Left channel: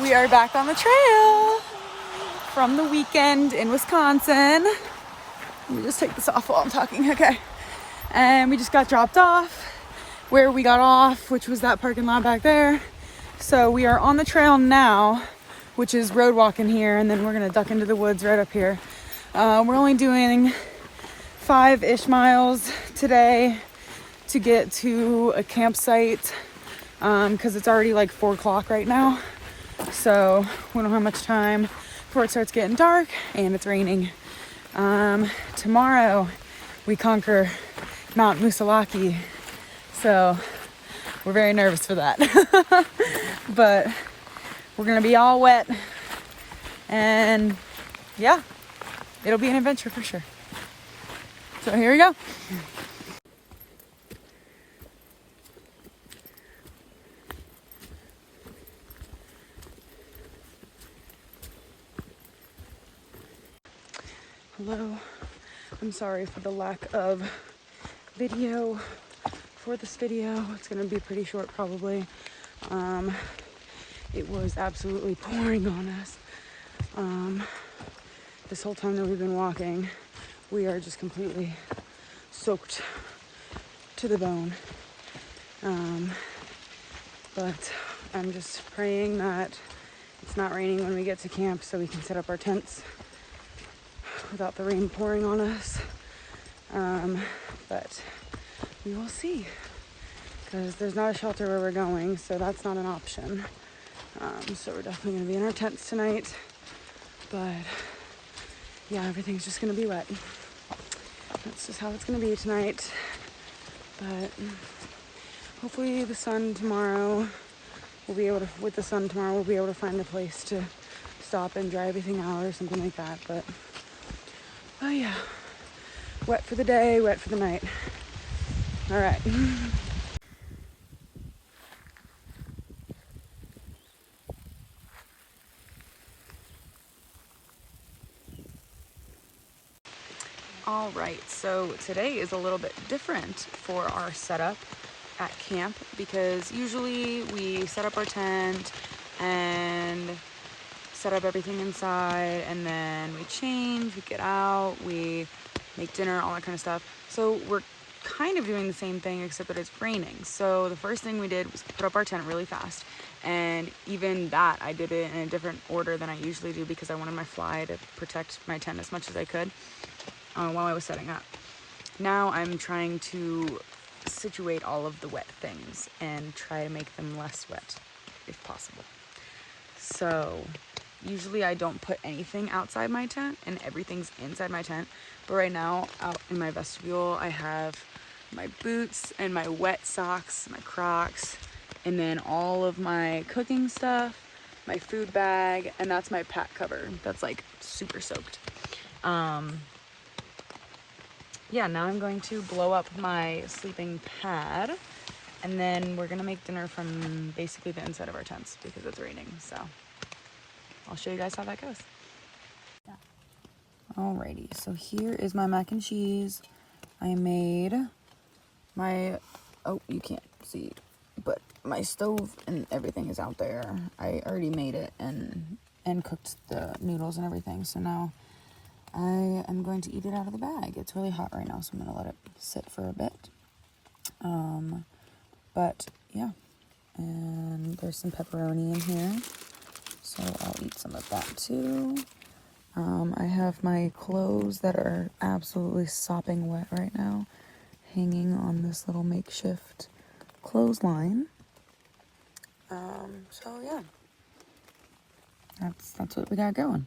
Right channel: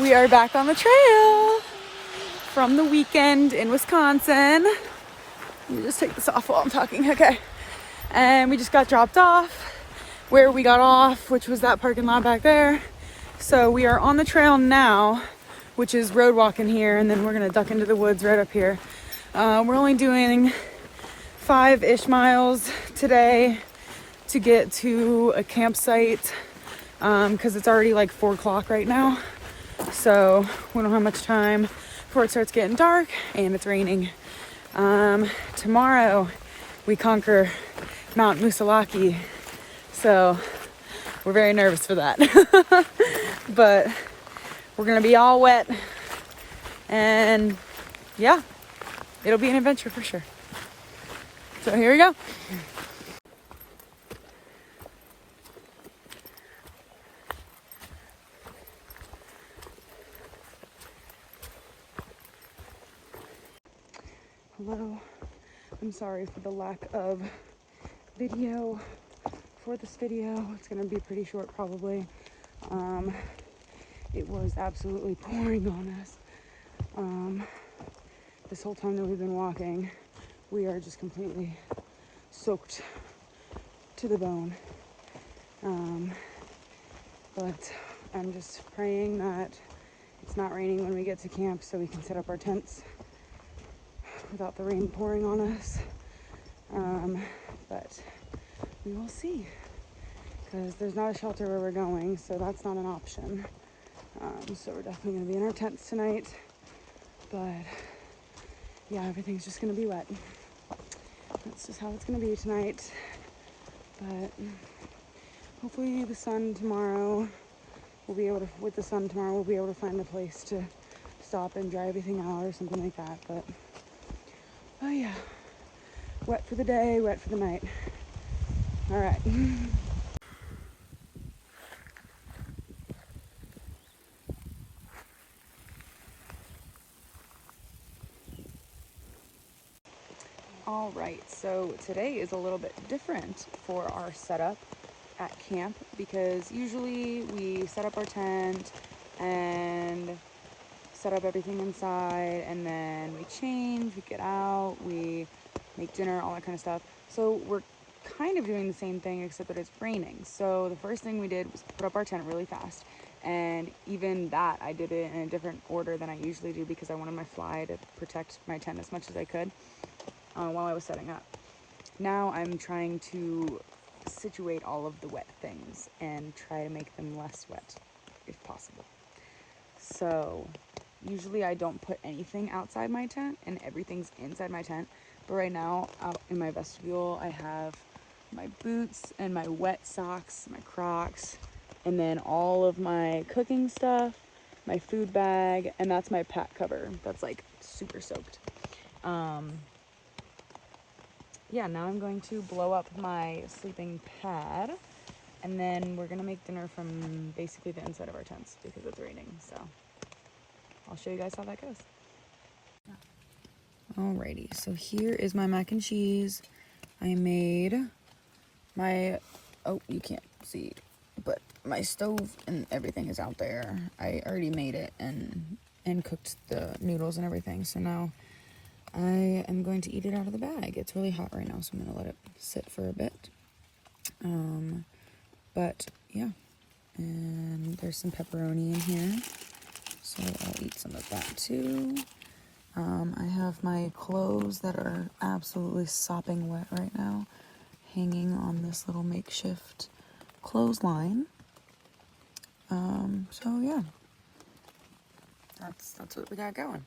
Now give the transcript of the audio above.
We are back on the trail from the weekend in Wisconsin. Let me just take this off while I'm talking, okay. And we just got dropped off where we got off, which was that parking lot back there. So we are on the trail now, which is road walking here, and then we're gonna duck into the woods right up here. We're only doing 5-ish miles today to get to a campsite because it's already like 4 o'clock right now. So we don't have much time before it starts getting dark and it's raining. Tomorrow we conquer Mount Musalaki. So we're very nervous for that. But we're gonna be all wet and yeah, it'll be an adventure for sure. So here we go. Hello, I'm sorry for the lack of video for this video. It's gonna be pretty short probably. It was absolutely pouring on us. This whole time that we've been walking, we are just completely soaked to the bone. But I'm just praying that it's not raining when we get to camp so we can set up our tents without the rain pouring on us. But we will see, because there's not a shelter where we're going, so that's not an option. So we're definitely going to be in our tents tonight, but yeah, everything's just going to be wet. That's just how it's going to be tonight. But hopefully the sun tomorrow, we'll be able to find a place to stop and dry everything out or something like that. But oh yeah, wet for the day, wet for the night. All right. All right, so today is a little bit different for our setup at camp, because usually we set up our tent and set up everything inside, and then we change, we get out, we make dinner, all that kind of stuff. So we're kind of doing the same thing except that it's raining. So the first thing we did was put up our tent really fast, and even that I did it in a different order than I usually do because I wanted my fly to protect my tent as much as I could while I was setting up. Now I'm trying to situate all of the wet things and try to make them less wet if possible. So usually I don't put anything outside my tent and everything's inside my tent. But right now out in my vestibule, I have my boots and my wet socks, my Crocs, and then all of my cooking stuff, my food bag, and that's my pack cover. That's like super soaked. Yeah, now I'm going to blow up my sleeping pad, and then we're gonna make dinner from basically the inside of our tents because it's raining. So I'll show you guys how that goes. Alrighty, so here is my mac and cheese. I made my, oh, you can't see, but my stove and everything is out there. I already made it and cooked the noodles and everything. So now I am going to eat it out of the bag. It's really hot right now, so I'm gonna let it sit for a bit. But yeah, and there's some pepperoni in here, so I'll eat some of that too. I have my clothes that are absolutely sopping wet right now, hanging on this little makeshift clothesline. So yeah, that's what we got going.